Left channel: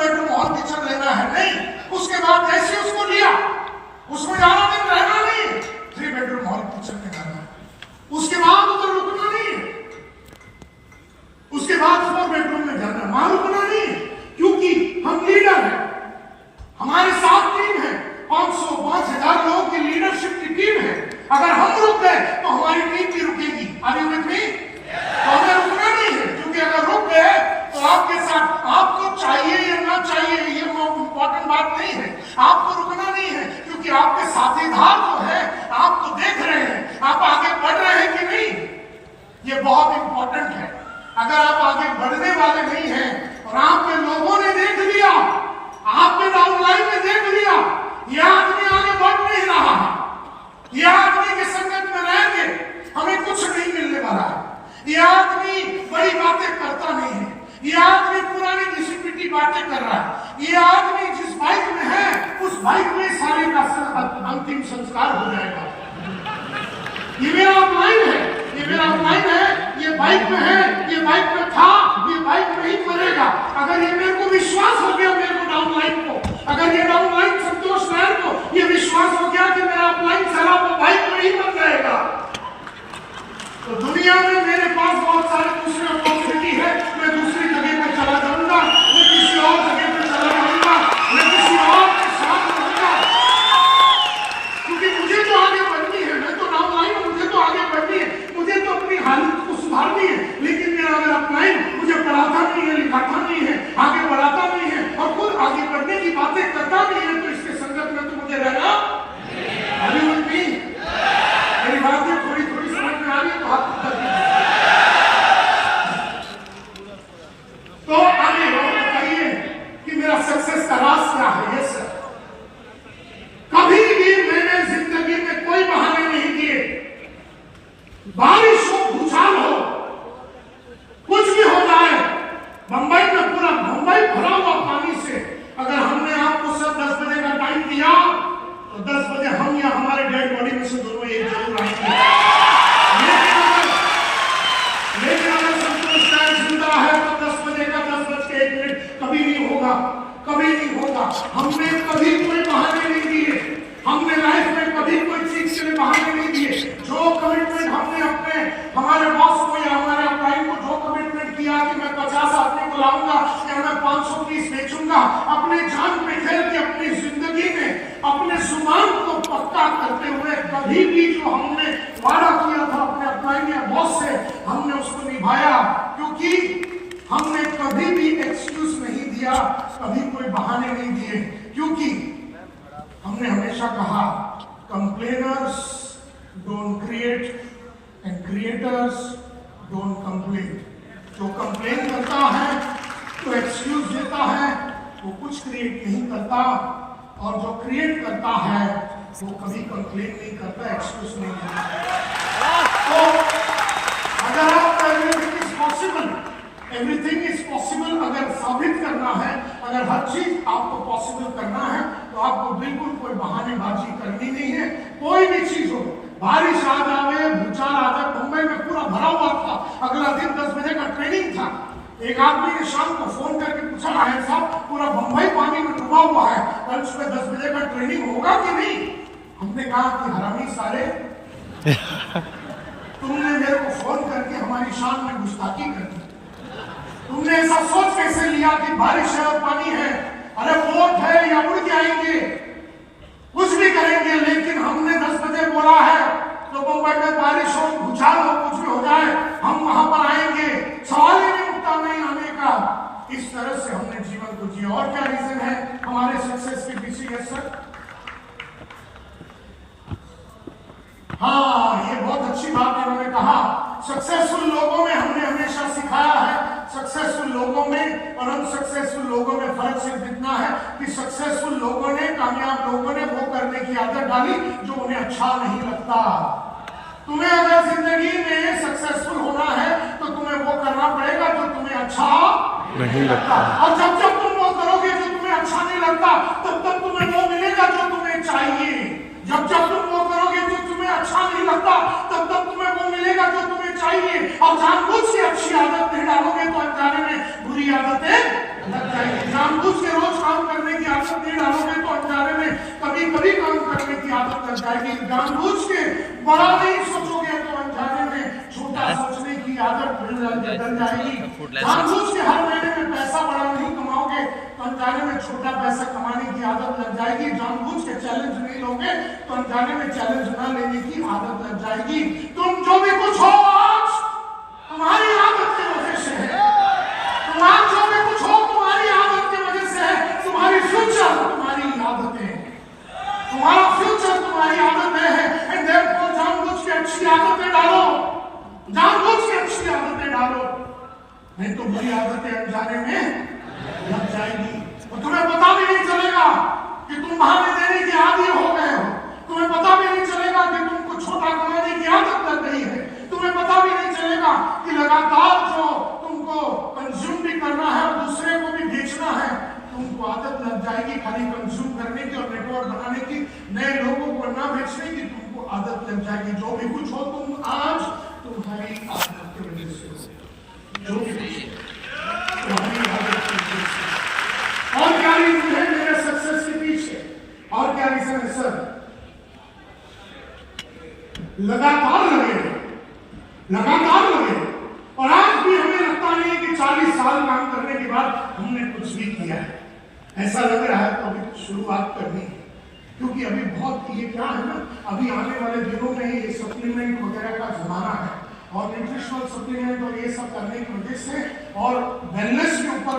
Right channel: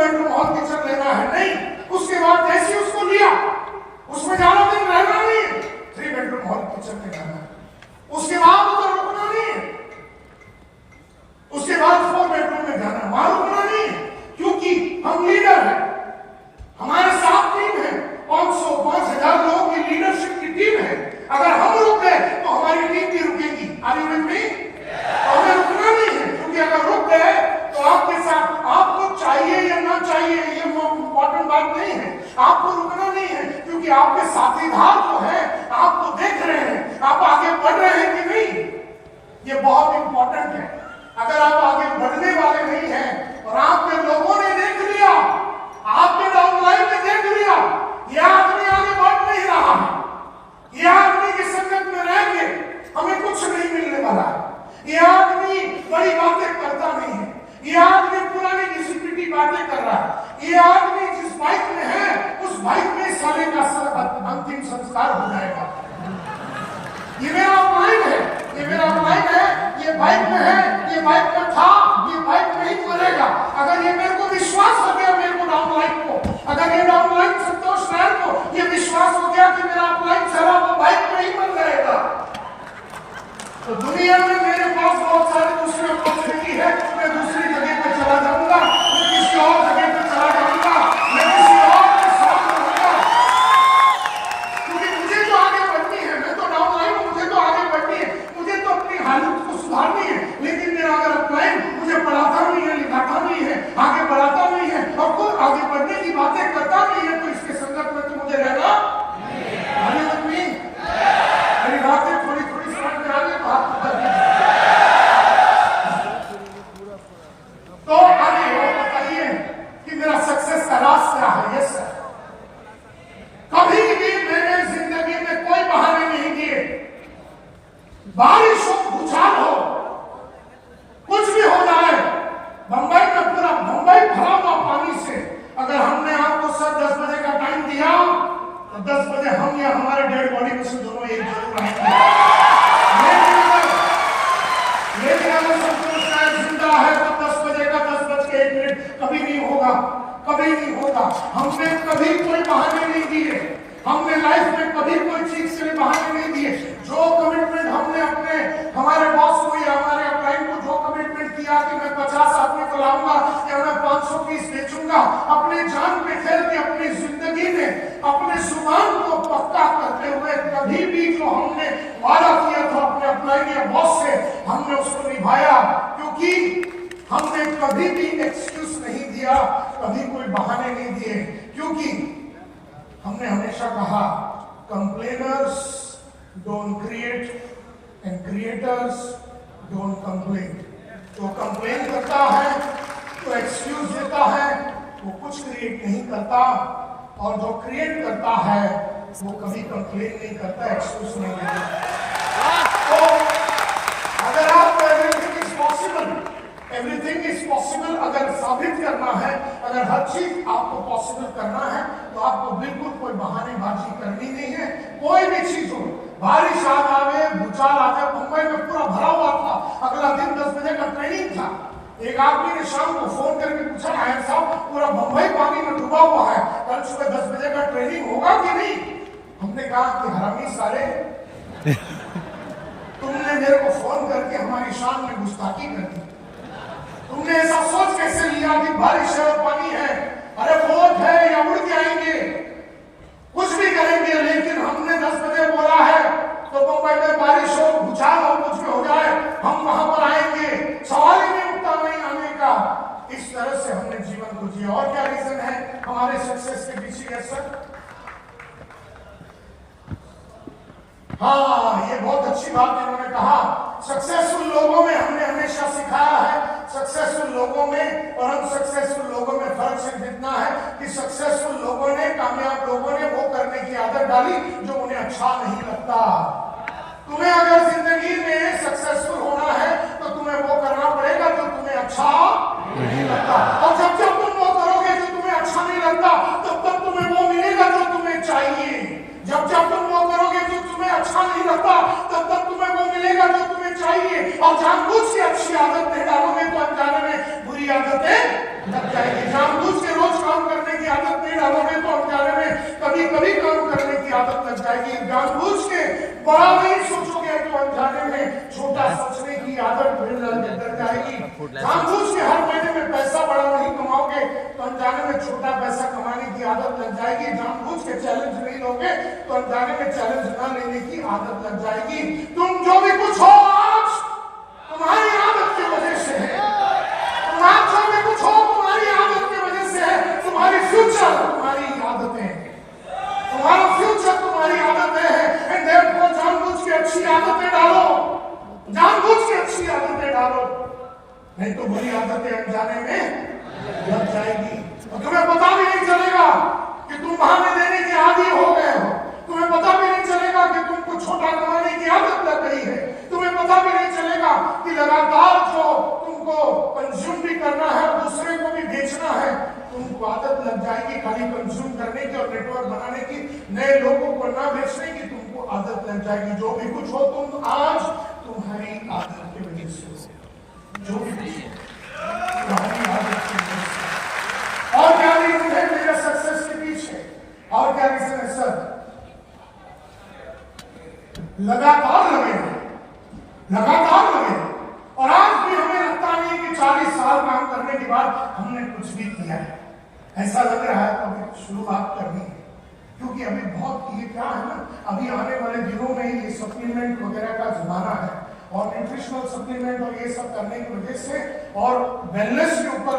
Bedroom hall kitchen लेना है, नहीं। उसके बाद जैसे उसको लिया, उसमें ज्यादा दिन रहना नहीं है, 3 बेडरूम हॉल किचन में जाना है। उसके बाद उधर रुकना नहीं है, उसके बाद 4 बेडरूम में जाना है, वहां रुकना नहीं है, क्योंकि हम लीडर हैं, हमारे साथ टीम है, 500-5000 लोगों की लीडरशिप की टीम है। अगर हम रुक गए तो हमारी टीम भी रुकेगी। Are you with me? तो हमें रुकना नहीं है, क्योंकि अगर रुक गए तो आपके साथ, आपको चाहिए या ना चाहिए ये इंपॉर्टेंट बात नहीं है, आपको रुकना नहीं है, क्योंकि आपके साथीदार जो है आपको देख रहे हैं, आप आगे बढ़ रहे हैं कि नहीं, ये बहुत इंपॉर्टेंट है। अगर आप आगे बढ़ने वाले नहीं हैं और आपके लोगों ने देख लिया, आपके डाउनलाइन में देख लिया, यह आदमी आगे बढ़ नहीं रहा है, यह आदमी के संकट में रहेंगे, हमें कुछ नहीं मिलने वाला है, यह आदमी बड़ी बातें करता नहीं है, यह आदमी पुरानी घिसी-पिटी बातें कर रहा है, यह आदमी जिस बाइक में है उस बाइक में सारे का अंतिम संस्कार हो जाएगा। ये मेरा अपलाइन है, ये मेरा अपलाइन है, ये बाइक में है, ये बाइक में था, ये बाइक में ही मरेगा। अगर ये मेरे को विश्वास हो गया, मेरे को डाउनलाइन को, अगर ये डाउनलाइन संतोष नायर को ये विश्वास हो गया कि मेरा अपलाइन चला, वो बाइक में ही मर जाएगा, तो दुनिया में मेरे पास बहुत सारे दूसरे अपॉर्चुनिटी है, मैं दूसरी जगह पे चला जाऊंगा, मैं किसी और जगह पे चला जाऊंगा, मैं किसी और के साथ रहूंगा, क्योंकि मुझे तो आगे बढ़नी है, मैं तो डाउनलाइन, मुझे तो आगे बढ़नी है, मुझे तो अपनी हालत को सुधारनी है। लेकिन मेरा अगर अपलाइन मुझे पढ़ाता नहीं है, लिखाता नहीं है, आगे बढ़ाता नहीं है और खुद आगे बढ़ने की बातें करता नहीं है, तो इसके संगत में तो मुझे रहना नहीं। मेरी बातें थोड़ी थोड़ी समझ में आ रही है तो हाथ ऊपर कीजिए। तो आगे और बताइए कि मेरा सक्सेस का राज क्या है? यस सर, कभी भी मैंने जिंदगी में कोई बहाने नहीं किए, बारिश हो, भूचाल हो, कुछ भी हो जाए, बंबई में पूरा बंबई भरा हुआ पानी से, अगर हमने आपको सर 10 बजे का टाइम दिया तो 10 बजे हम या हमारे डेड बॉडी में से दोनों एक जरूर आएंगे। लेकिन अगर संतोष नायर जिंदा है तो 10 बजे का 10:01 कभी नहीं होगा, कभी नहीं होगा। हमने कभी कोई बहाने नहीं दिए, हमने लाइफ में कभी कोई चीज के लिए बहाने नहीं दिए। जो कमिटमेंट हमने अपने हमारे बॉस को या हमारे अपलाइन को जो कमिटमेंट किया कि मैं 50 आदमी को लाऊंगा या मैं 500 पीस बेचूंगा, अपने जान पे खेल के अपनी जिंदगी में अपने सुनाम को पक्का करते हुए कभी भी जो हमने वादा किया था अपने अपलाइन या बॉस से, हमने उसको निभाया, क्योंकि हमने कभी भी एक्सक्यूज नहीं दिया, कभी कोई बहाने नहीं दिए, क्योंकि हमने हमेशा कहा complainers don't create and creators don't complain. जो कंप्लेन करता है तो एक्सक्यूज देता है, वो कुछ क्रिएट नहीं करता, और जो क्रिएट करता है वो कभी कंप्लेन नहीं करता, एक्सक्यूज नहीं देता। तो अगर आप एवरीथिंग इज पॉसिबल अगर साबित करना है, अगर हर चीज आपको पॉसिबल करना है, तो आपको बिल्कुल कोई बहानेबाजी करनी नहीं है। कोई भी चीज हो, बारिश आ जाए, भूचाल आ जाए, मुंबई में पूरा भरा हुआ था, अगला दिन 10 बजे का ट्रेनिंग था, एक आदमी ने शाम को फोन करके पूछा, नायर साहब पूरा मुंबई पानी में डूबा हुआ है, कल सुबह 10 बजे का ट्रेनिंग होगा कि नहीं? हमने कहा कि हरामी सारे तुमने मेरे को फोन करके हमारी शान में गुस्ताखी कर दी, तुमने ऐसा सोच कैसे लिया कि बारिश है और पानी है, अरे बोट है या उड़ के आएंगे, कुछ भी करेंगे, लेकिन हमने 10 बजे बोला है तो मुंबई में बारिश हो, भूचाल हो, कुछ भी हो जाए, हम वहां पर आएंगे, सवाल ही नहीं उठता नहीं आने का। इस तरह से हमने जीवन को जिया। और क्या रीजन है हमारे सक्सेस के पीछे? सर हाँ, ये बहुत अच्छी बात इन्होंने कहा, सक्सेसफुल लोगों में हमने हमेशा सिखाया है, सक्सेसफुल लोगों में और अनसक्सेसफुल लोगों में फर्क सिर्फ इतना है कि सक्सेसफुल लोगों ने, कामयाब लोगों ने वो करने की आदत डाली जो उन्हें अच्छा नहीं लगता। तुम्हें अगर जिंदगी में सक्सेसफुल होना है तो तुम्हें वो करना पड़ेगा जो तुम्हें अच्छा नहीं लगता, और जब जब तुम वो करोगे जो तुम्हें अच्छा नहीं लगता, तब तब तुम्हें वो मिलेगा जो तुम्हें चाहिए। जब जब तुम वो करोगे जो तुम्हें अच्छा नहीं लगता, तब तब तुम्हें वो मिलेगा जो तुम्हें चाहिए, और जानबूझ के अच्छी आदत नहीं डालोगे तो अनजाने में बुरी आदतें लग जाएगी। जानबूझ के आदत निकल जाएगी। जानबूझ के हर महीने में पैसा बड़ा नहीं कमाओगे तो अनजाने में छोटा पैसा कमाने की आदत लग जाएगी। जानबूझ के चैलेंज नहीं लोगे तो अनजाने में चैलेंज न लेने की आदत लग जाएगी। तुम जो भी कुछ हो आज तुम्हारी आदत की वजह से है। तुम आज जो भी कुछ हो तुम्हारी आदत की वजह से है। तुम्हारी फ्यूचर तुम्हारी आदतें हैं, तुम्हारा फ्यूचर तुम्हारी आदतें हैं। एंड देयरफॉर जानबूझ के अच्छी आदतें डालो, जानबूझ के अच्छी आदतें डालो, नहीं तो बुरी आदतें अनजाने में लग जाएगी और तुम्हें पता भी नहीं चलेगा कि तुम बहाने देने के आदी हो गए हो। तुम्हें पता भी नहीं चलेगा कि तुमको छोटा कमाने की आदत लग गई है। तुम्हें पता भी नहीं चलेगा कि लगातार जो तुमको कंज्यूम भी करना है और दूसरे को भी बेचना है, तुमको आदत लग जाएगी खाली कंज्यूम करने की और नेटवर्क बनाने की, नए लोगों को ना बेचने की तुमको आदत लग जाएगी। जो भी कुछ हो तुम आज तुम्हारी आदत की वजह से, जो भी तुम्हारी आदत की वजह से। और क्या रीजन है मेरे सक्सेस के पीछे? और क्या रीजन है सर? लगातार लगे और आज भी हमें लगता नहीं कि 40 साल काम करने के बाद हमने कुछ भी किया है। ऐसा लग रहा है तो अभी शुरुआत करनी है, क्योंकि अभी बहुत ये क्या है ना, अभी आने वाले दिनों में ये सप्लीमेंट वगैरह का जमाना है और न्यूट्रिशनल सप्लीमेंट और ये सब करने की वजह से और वेलनेस के ऊपर,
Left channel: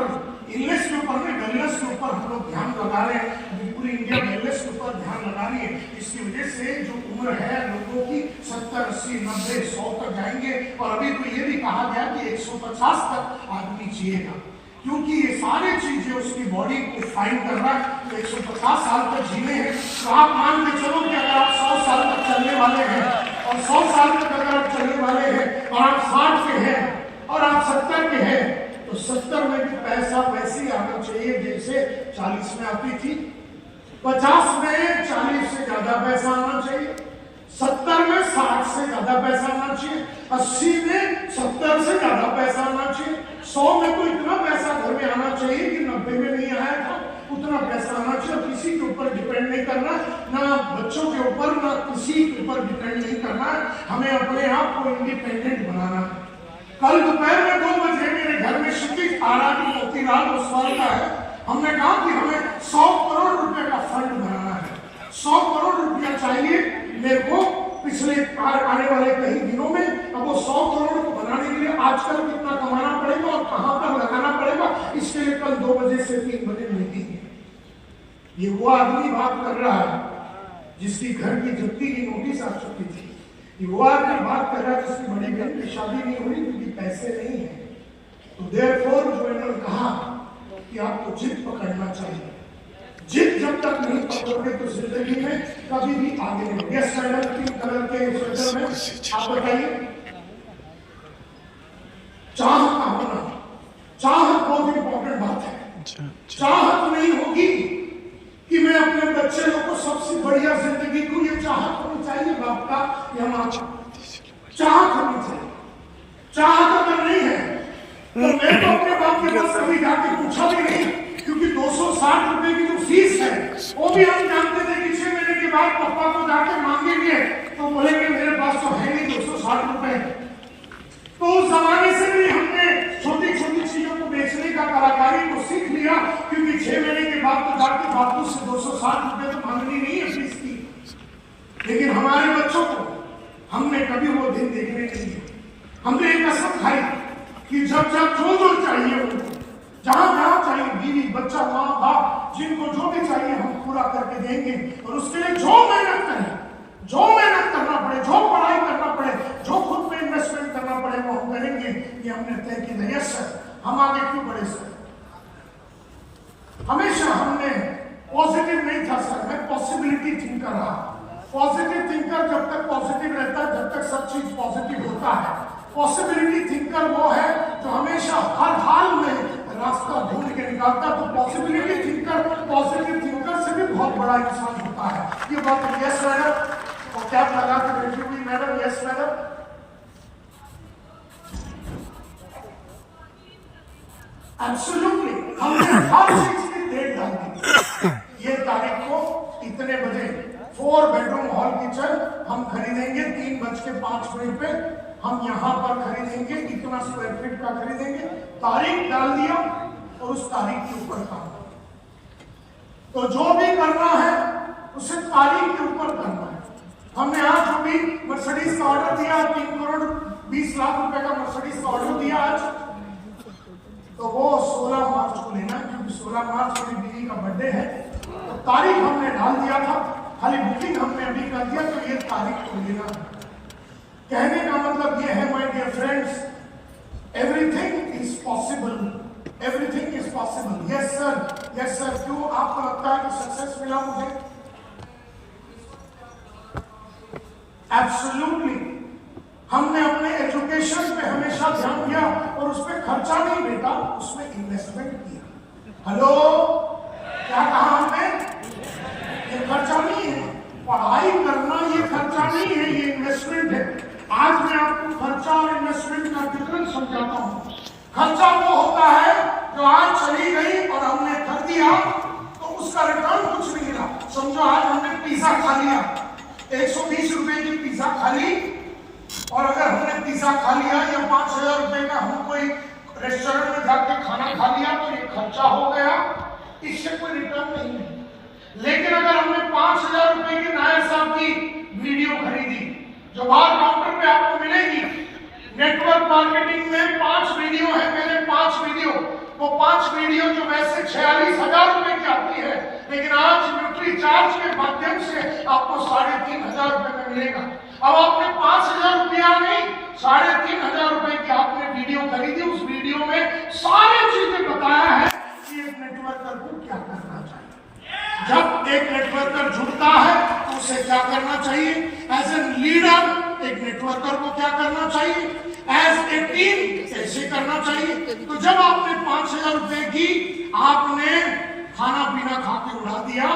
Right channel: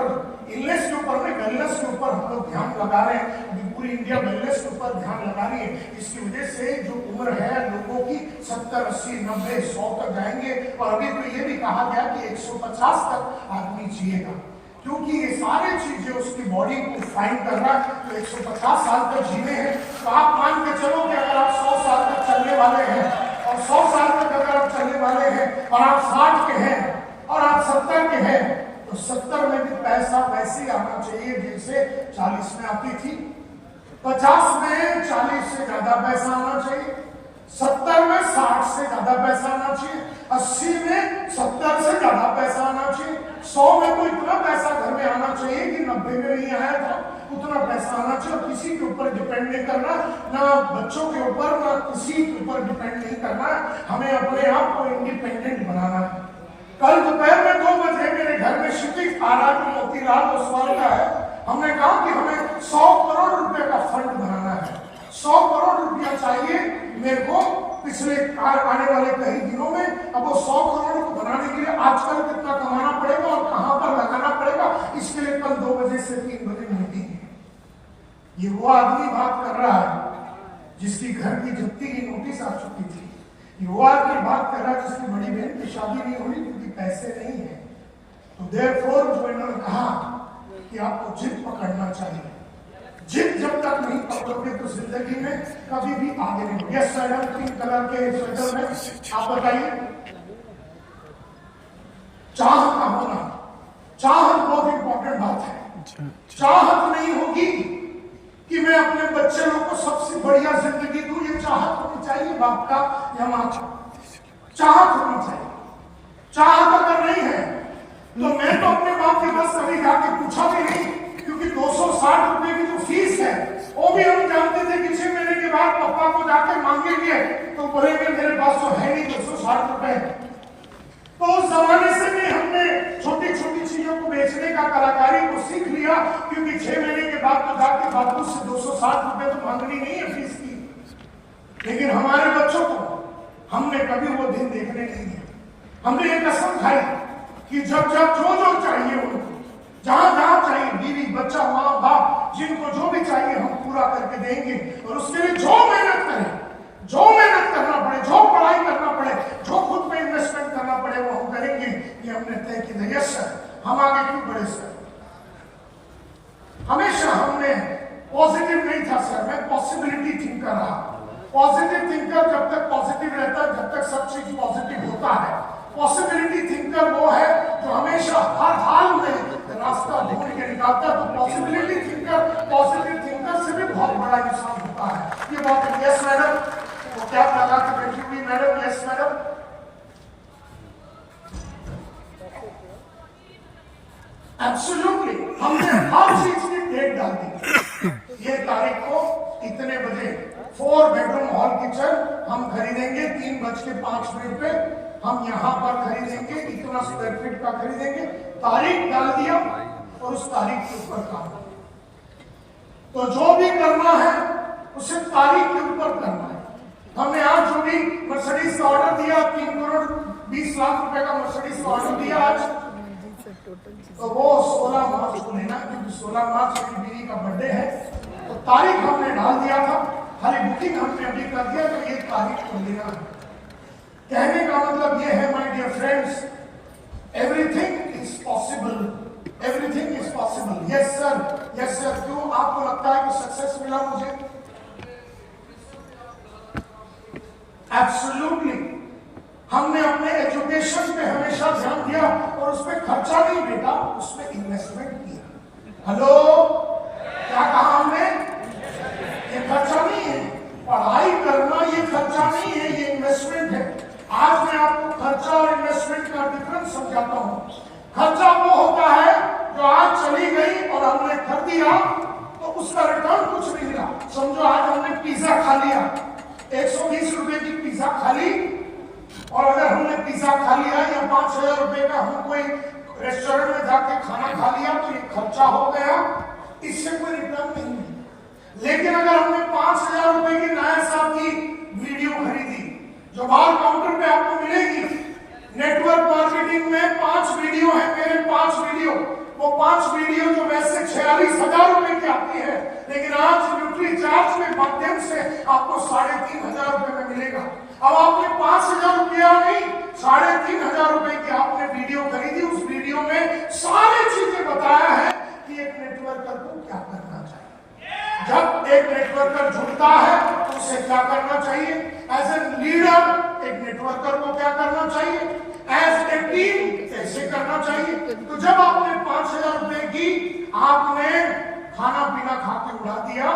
इलनेस के ऊपर में वेलनेस के ऊपर हम लोग ध्यान लगा रहे हैं। पूरी इंडिया वेलनेस के ऊपर ध्यान लगा रही है। इसकी वजह से जो उम्र है लोगों की 70, 80, 90, 100 तक जाएंगे और अभी तो ये भी कहा गया कि 150 तक आदमी जिएगा, क्योंकि ये सारी चीजें उसकी बॉडी को फाइन कर रहा है। तो 150 साल तक जीने हैं तो आप मान के चलो कि अगर आप 100 साल तक चलने वाले हैं और 100 साल तक अगर आप चलने वाले हैं और आप 60 के हैं और आप 70 के हैं, तो 70 में भी पैसा वैसे ही आना चाहिए जैसे 40 में आती थी। 50 में 40 से ज्यादा पैसा आना चाहिए, 70 में 60 से ज्यादा पैसा आना चाहिए, 80 में 70 से ज्यादा पैसा आना चाहिए, 100 में तो इतना पैसा घर में आना चाहिए कि 90 में नहीं आया था उतना पैसा आना चाहिए। और किसी के ऊपर डिपेंड नहीं करना, ना बच्चों के ऊपर, ना किसी के ऊपर डिपेंड नहीं करना है। हमें अपने आप को इंडिपेंडेंट बनाना है। कल दोपहर में 2 बजे मेरे घर में शिक्षित आरा की मोतीलाल ओसवाल का है। हमने कहा कि हमें 100 करोड़ रुपए का फंड बनाना है। 100 करोड़ रुपया चाहिए मेरे को पिछले आने वाले कई दिनों में। अब वो 100 करोड़ को बनाने के लिए आजकल कितना कमाना पड़ेगा और कहां पर लगाना पड़ेगा, इसके लिए कल 2 बजे से 3 बजे मीटिंग है। ये वो आदमी बात कर रहा है जिसकी घर की जब्ती की नोटिस आ चुकी थी। ये वो आदमी बात कर रहा है जिसकी बड़ी बहन की शादी नहीं हो रही क्योंकि पैसे नहीं है। तो देयरफॉर जो इन्होंने कहा कि आपको जिद पकड़ना चाहिए। जिद जब तक नहीं पकड़ोगे तो जिंदगी में कभी भी आगे नहीं बढ़ोगे। यस मैडम, पिंक कलर के स्वेटर में आप बताइए। चाहत का होना, चाहत बहुत इंपॉर्टेंट बात है। चाहत नहीं होगी कि मैं अपने बच्चे लोग को सबसे बढ़िया जिंदगी दूं, ये चाहत होनी चाहिए बाप का या मां का। चाहत होनी चाहिए। चाहत अगर नहीं है तो मैं तो अपने बाप के पास कभी जाके पूछा भी नहीं, क्योंकि 260 रुपए की जो फीस है वो भी हम जानते थे कि 6 महीने के बाद पापा को जाकर मांगेंगे तो बोलेंगे मेरे पास तो है नहीं 260 रुपए। तो उस जमाने से भी हमने छोटी छोटी चीजों को बेचने का कलाकारी को सीख लिया, क्योंकि 6 महीने के बाद तो जाके बापू से 260 रुपए तो मांगनी नहीं है फीस की। लेकिन हमारे बच्चों को हमने कभी वो दिन देखने नहीं दिया। हमने एक कसम खाई कि जब जब जो चाहिए उनको, जहां चाहिए, बीवी बच्चा माँ बाप जिनको जो भी चाहिए हम पूरा करके देंगे। और उसके लिए जो मेहनत करें, जो मेहनत करना पड़े, जो पढ़ाई करना पड़े, जो खुद में इन्वेस्टमेंट करना पड़े वो हम करेंगे। ये हमने तय किया। यस सर, हम आगे क्यों बढ़े सर? हमेशा हमने पॉजिटिव नहीं था सर, मैं पॉसिबिलिटी थिंकर रहा। पॉजिटिव थिंकर जब तक पॉजिटिव रहता है, जब तक सब चीज पॉजिटिव होता है। पॉसिबिलिटी थिंकर वो है जो हमेशा हर हाल में रास्ता ढूंढ के निकालता। तो पॉसिबिलिटी थिंकर पॉजिटिव थिंकर से भी बहुत बड़ा इंसान होता है। ये बहुत। यस मैडम, वो क्या लगा के बैठी हुई मैडम? Yes madam, absolutely. हमने हर चीज की डेट डाल दी। ये तारीख को इतने बजे 4 बेडरूम हॉल किचन हम खरीदेंगे 3:05 पे। हम यहाँ पर खरीदेंगे, इतना स्क्वायर फीट का खरीदेंगे, तारीख डाल दिया और उस तारीख के ऊपर काम। तो जो भी करना है उसे तारीख के ऊपर करना है। हमने आज जो भी मर्सिडीज का ऑर्डर दिया, 3 करोड़ 20 लाख रुपए का मर्सिडीज का ऑर्डर दिया आज, तो वो 16 मार्च को लेना है, क्योंकि 16 मार्च मेरी बीवी का बर्थडे है। तो तारीख हमने डाल दिया था, खाली बुकिंग हमने अभी कर दिया, तो ये तारीख को लेना है। कहने का मतलब ये है my dear friends, everything is possible, everything is possible. Yes sir, yes sir. क्यों आपको लगता है कि सक्सेस मिला मुझे? एब्सोल्युटली। हमने अपने एजुकेशन पे हमेशा ध्यान दिया और उस पर खर्चा नहीं बेटा, उसमें इन्वेस्टमेंट किया। हेलो, क्या कहा हमने? ये खर्चा नहीं है, पढ़ाई करना ये खर्चा नहीं है, ये इन्वेस्टमेंट है। आज मैं आपको खर्चा और इन्वेस्टमेंट का डिफरेंस समझाता हूँ। खर्चा वो होता है जो आज चली गई और हमने कर दिया तो उसका रिटर्न कुछ नहीं मिला। समझो आज हमने पिज्जा खा लिया, 120 रुपए की पिज्जा खा ली, और अगर हमने पिज्जा खा लिया या 5000 रुपए का हम कोई रेस्टोरेंट में जाके खाना खा लिया तो ये खर्चा हो गया, इससे कोई रिटर्न नहीं है। लेकिन अगर हमने 5000 रुपए की नायर साहब की वीडियो खरीदी, जो बाहर काउंटर पे आपको मिलेगी, नेटवर्क मार्केटिंग में 5 वीडियो है मेरे, 5 वीडियो, वो 5 वीडियो जो वैसे 46,000 रुपए की आती है, लेकिन आज न्यूट्री चार्ज के माध्यम से आपको 3,500 रुपए में मिलेगा। अब आपने 5,000 रुपया नहीं, 3,500 रुपए की आपने वीडियो खरीदी, उस वीडियो में सारी चीजें बताया है कि एक नेटवर्कर को क्या करना चाहिए। जब एक नेटवर्कर जुड़ता है तो उसे क्या करना चाहिए, एज ए लीडर एक नेटवर्कर को क्या करना चाहिए, एज ए टीम कैसे करना चाहिए। तो जब आपने 5,000 रुपए की आपने खाना पीना खा के उड़ा दिया,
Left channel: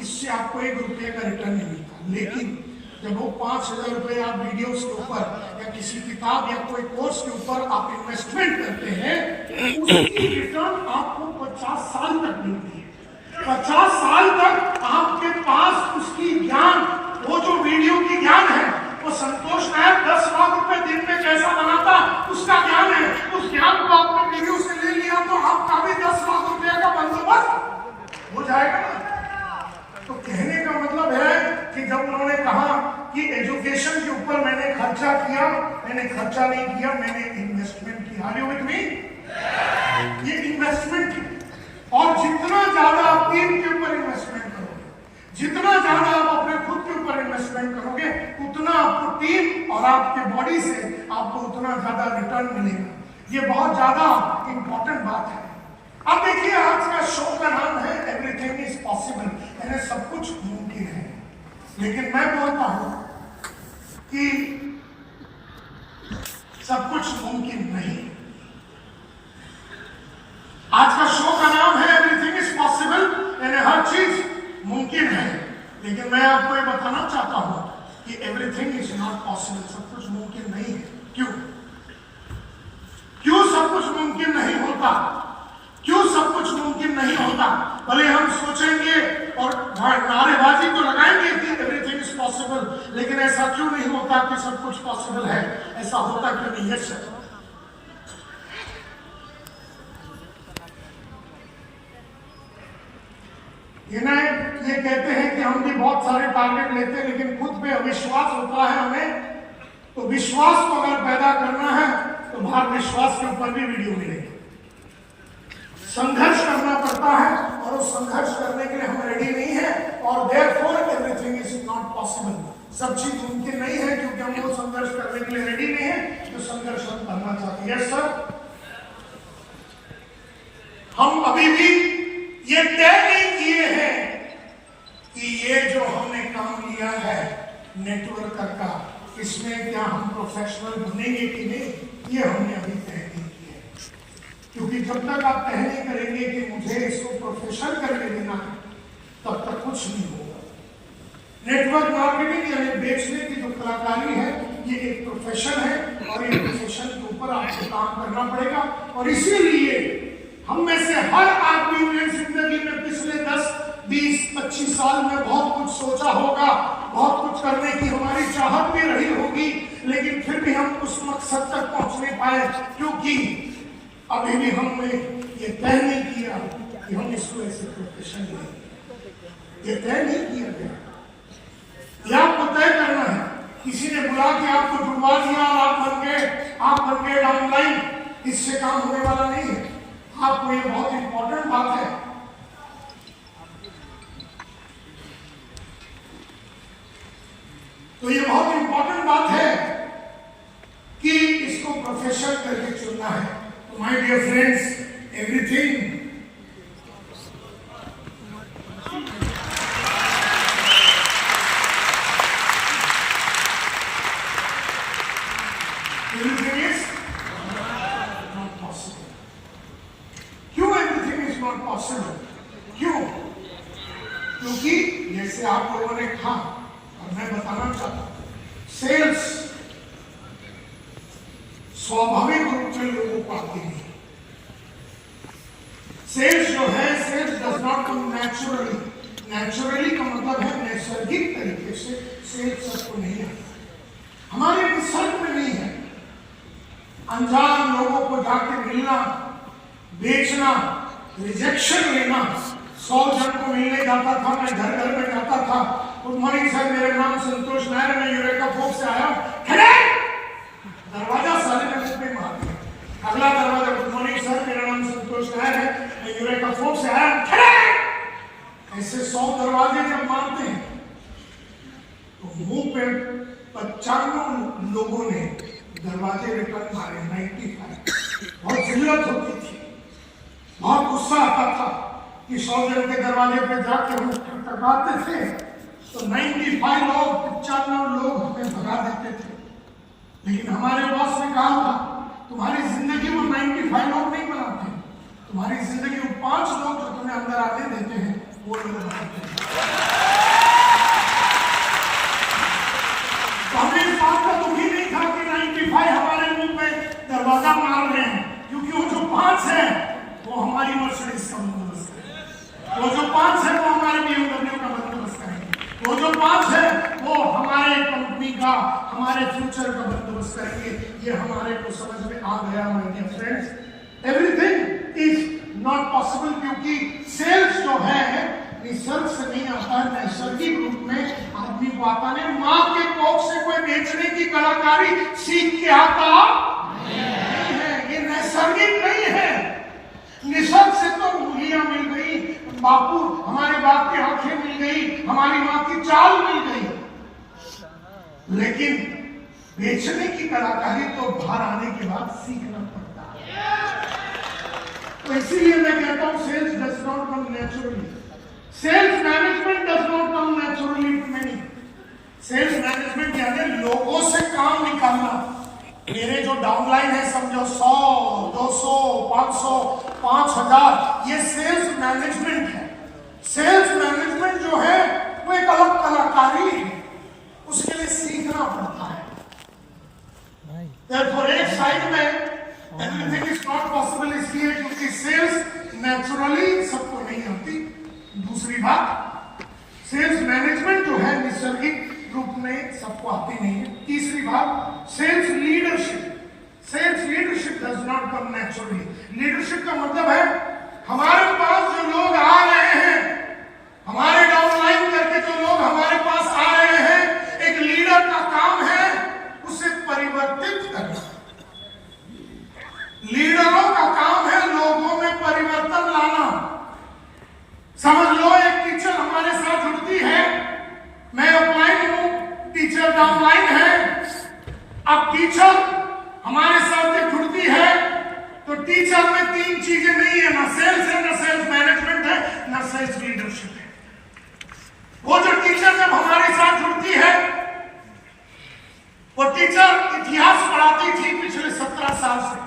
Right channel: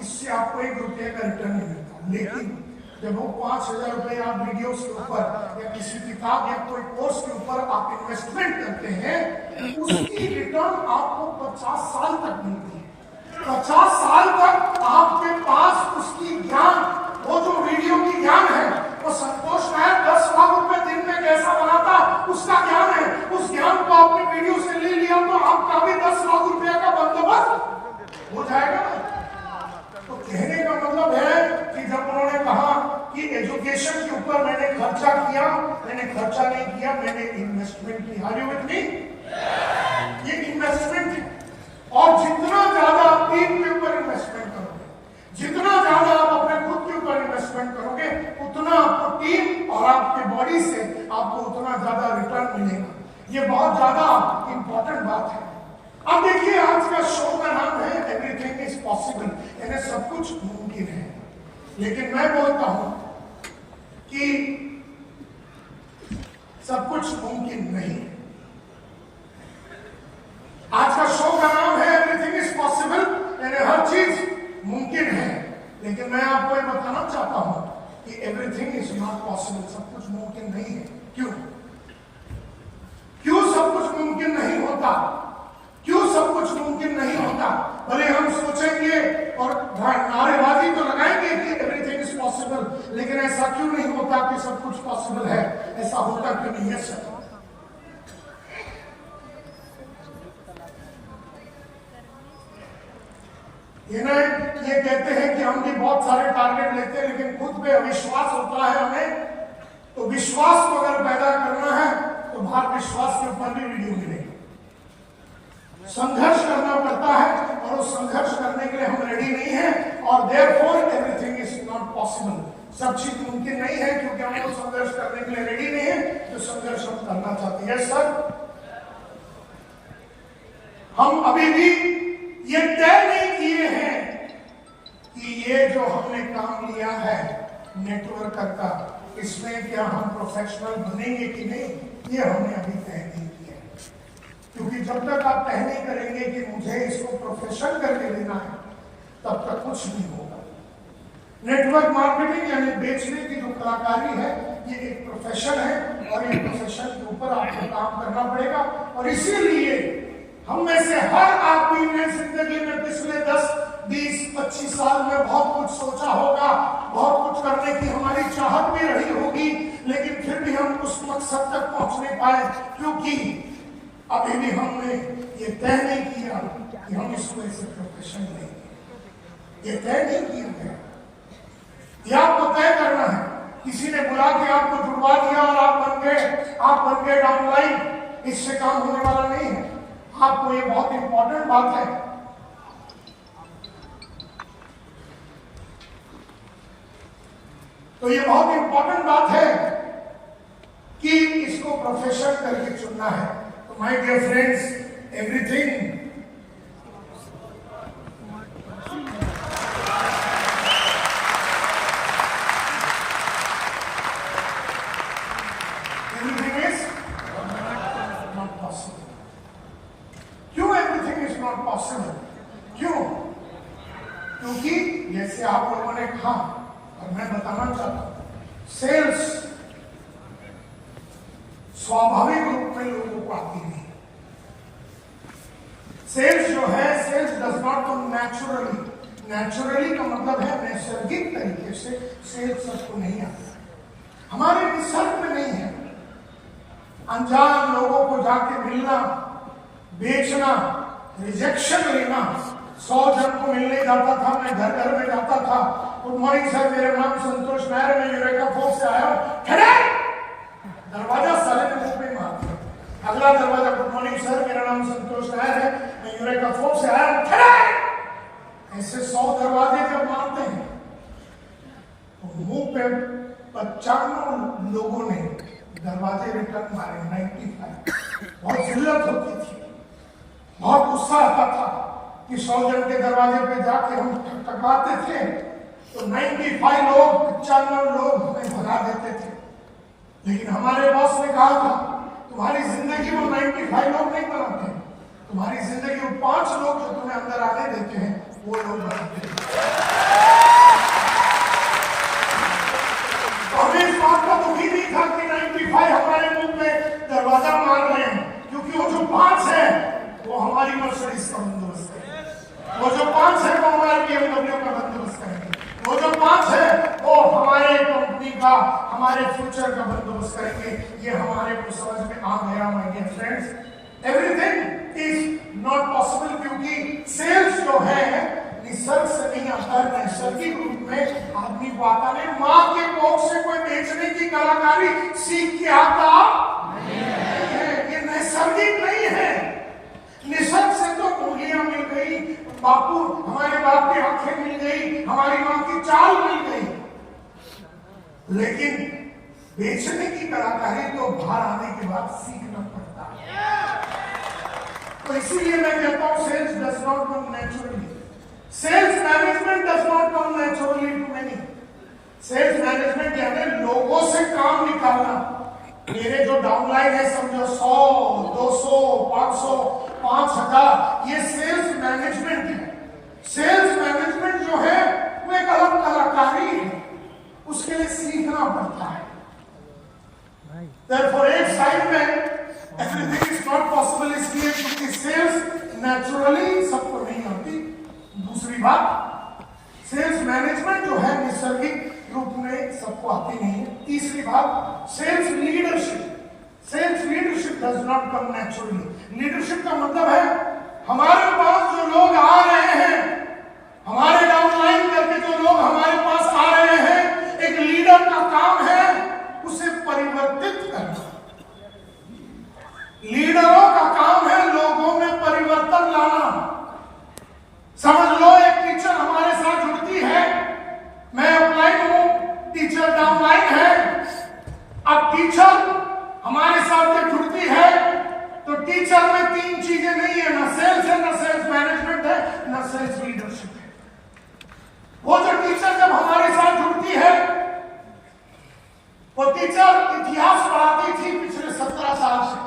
इससे आपको 1 रुपये का रिटर्न नहीं मिलता। लेकिन जब वो 5,000 रुपए आप वीडियोस के ऊपर या किसी किताब या कोई कोर्स के ऊपर आप इन्वेस्टमेंट करते हैं, उसकी रिटर्न आपको 50 साल तक मिलती है। 50 साल तक आपके पास उसकी ज्ञान, वो जो वीडियो की ज्ञान है, वो संतोष नायक 10 लाख रुपए दिन में कैसा बनाता उसका ज्ञान है, उस ज्ञान को आपने वीडियो से ले लिया तो आपका भी 10 लाख रुपए का बंदोबस्त हो जाएगा ना। तो कहने का मतलब है कि जब उन्होंने कहा कि एजुकेशन के ऊपर मैंने खर्चा किया, मैंने खर्चा नहीं किया, मैंने इन्वेस्टमेंट किया। Are you with me? ये इन्वेस्टमेंट है। और जितना ज्यादा आप टीम के ऊपर इन्वेस्टमेंट करोगे, जितना ज्यादा आप अपने खुद के ऊपर इन्वेस्टमेंट करोगे, उतना आपको टीम और आपके बॉडी से आपको उतना ज्यादा रिटर्न मिलेगा। ये बहुत ज्यादा इंपॉर्टेंट बात है। अब देखिए, आज का शो का नाम है एवरीथिंग इज पॉसिबल, यानी सब कुछ मुमकिन है। लेकिन मैं बोलता हूं कि सब कुछ मुमकिन नहीं। आज का शो का नाम है एवरीथिंग इज पॉसिबल, यानी हर चीज मुमकिन है। लेकिन मैं आपको ये बताना चाहता हूं कि एवरीथिंग इज नॉट पॉसिबल, सब कुछ मुमकिन नहीं है। क्यों? क्यों सब कुछ मुमकिन नहीं होता? क्यों सब कुछ मुमकिन नहीं होता? भले हम सोचेंगे और नारेबाजी तो लगाएंगे कि एवरीथिंग इज पॉसिबल, लेकिन ऐसा क्यों नहीं होता कि सब कुछ पॉसिबल है? ऐसा होता क्यों नहीं है सर? ये कहते हैं कि हम भी बहुत सारे टारगेट लेते हैं, लेकिन खुद पे अविश्वास होता है हमें। तो विश्वास को अगर पैदा करना है तो बाहर विश्वास के ऊपर भी वीडियो मिलेगी। संघर्ष करना पड़ता है और वो संघर्ष करने के लिए हम रेडी नहीं है, और therefore everything is not possible. सब चीज मुमकिन नहीं है क्योंकि हम वो संघर्ष करने के लिए रेडी नहीं है जो संघर्ष हम करना चाहते हैं। सर, हम अभी भी ये तय नहीं किए हैं कि ये जो हमने काम लिया है नेटवर्कर का, इसमें क्या हम प्रोफेशनल बनेंगे कि नहीं, ये हमने अभी तय नहीं किया है। क्योंकि जब तक आप तय नहीं करेंगे कि मुझे इसको प्रोफेशन करके देना है, तब तक कुछ नहीं होगा। नेटवर्क मार्केटिंग यानी बेचने की जो कलाकारी है, ये एक प्रोफेशन है, और ये प्रोफेशन के ऊपर आपको काम करना पड़ेगा। और इसीलिए हम में से हर आदमी ने जिंदगी में पिछले 10, 20, 25 साल में बहुत कुछ सोचा होगा, बहुत कुछ करने की हमारी चाहत भी रही होगी, लेकिन फिर भी हम उस मकसद तक पहुंच नहीं पाए, क्योंकि अभी भी हमने ये तय नहीं किया कि हम इसको ऐसे प्रोफेशन लेंगे। ये तय नहीं किया गया, ये आपको तय करना है। किसी ने बुला के आपको जुड़वा दिया और आप बन गए डाउनलाइन, इससे काम होने वाला नहीं है। आपको ये बहुत इंपॉर्टेंट बात है। तो ये बहुत इंपॉर्टेंट बात है कि इसको प्रोफेशन करके चुनना है। तो my dear friends, everything is not possible. क्यों एवरीथिंग इज नॉट पॉसिबल? क्यों? क्योंकि जैसे आप लोगों ने कहा और मैं बताना चाहता हूं, सेल्स स्वाभाविक रूप से लोगों को आती नहीं है। सेल्स जो है, sales does not come naturally. Naturally का मतलब है नैसर्गिक तरीके से सेल्स सबको नहीं आता, हमारे निसर्ग में नहीं है। अनजान लोगों को जाके मिलना, बेचना, रिजेक्शन लेना। 100 जन को मिलने जाता था, मैं घर घर में जाता था। गुड मॉर्निंग सर, मेरा नाम संतोष नायर, मैं यूरेका फोर्स से आया हूँ। खड़े! दरवाजा साले ने मुंह पे मार दिया। अगला दरवाजा, गुड मॉर्निंग सर, मेरा नाम संतोष नायर है, मैं यूरेका फोर्स से आया हूँ। खड़े! ऐसे 100 दरवाजे जब मारते हैं तो मुंह पे 95 लोगों ने दरवाजे रिटर्न मारे। 95। बहुत जिल्लत होती थी, बहुत गुस्सा आता था कि 100 जन के दरवाजे पे जाके हम टकराते थे तो 95 लोग, 95 लोग हमें भगा देते थे। लेकिन हमारे बॉस ने कहा था, तुम्हारी जिंदगी वो 95 लोग नहीं बनाते, तुम्हारी जिंदगी वो 5 लोग जो तुम्हें अंदर आने देते हैं वो लोग बनाते हैं। तो हमें इस बात का दुख ही नहीं था कि 95 हमारे मुंह पे दरवाजा मार रहे हैं, क्योंकि वो जो 5 है वो हमारी मर्सिडीज का बंदोबस्त है, वो जो 5 है वो हमारे BMW का बंदोबस्त करेंगे, वो जो 5 है वो हमारे कंपनी का, हमारे फ्यूचर का बंदोबस्त करेंगे। ये हमारे को समझ में आ गया my dear friends. Everything is not possible, क्योंकि सेल्स जो है निसर्ग से नहीं आता है, नैसर्गिक रूप में आदमी को आता नहीं। माँ के कोख से कोई बेचने की कलाकारी सीख के आता नहीं है, ये नैसर्गिक नहीं है। निसर्ग से तो उंगलियां मिल गई, बापू हमारे बाप की आंखें मिल गई, हमारी माँ की चाल मिल गई, लेकिन बेचने की कलाकारी तो बाहर आने के बाद सीखना पड़ता है। तो इसीलिए मैं कहता हूं sales does not come naturally, sales management does not come naturally to many. Sales management यानी लोगों से काम निकालना। मेरे जो डाउनलाइन है समझो 100, 200, 500, 5000, ये सेल्स मैनेजमेंट है। सेल्स मैनेजमेंट जो है वो एक अलग कलाकारी है, उसके लिए सीखना पड़ता है। Therefore, एक साइड में एवरीथिंग इज नॉट पॉसिबल इसलिए क्योंकि सेल्स नेचुरली सबको नहीं आती। दूसरी बात, सेल्स मैनेजमेंट जो है निसर्गिक रूप में सबको आती नहीं है। तीसरी बात, sales leadership does not come naturally. Leadership का मतलब है हमारे पास जो लोग आ रहे हैं, हमारे डाउनलाइन करके जो लोग हमारे पास आ रहे हैं, एक लीडर का काम है उसे परिवर्तित करना। लीडरों का काम है लोगों में परिवर्तन लाना। समझ लो, एक टीचर हमारे साथ जुड़ती है, मैं अपलाइन हूं, टीचर डाउनलाइन है। अब टीचर हमारे साथ जब जुड़ती है तो टीचर में 3 चीजें नहीं है, ना सेल्स है, ना सेल्स मैनेजमेंट है, ना सेल्स लीडरशिप है। वो जो टीचर जब हमारे साथ जुड़ती है, वो टीचर इतिहास पढ़ाती थी पिछले 17 साल से,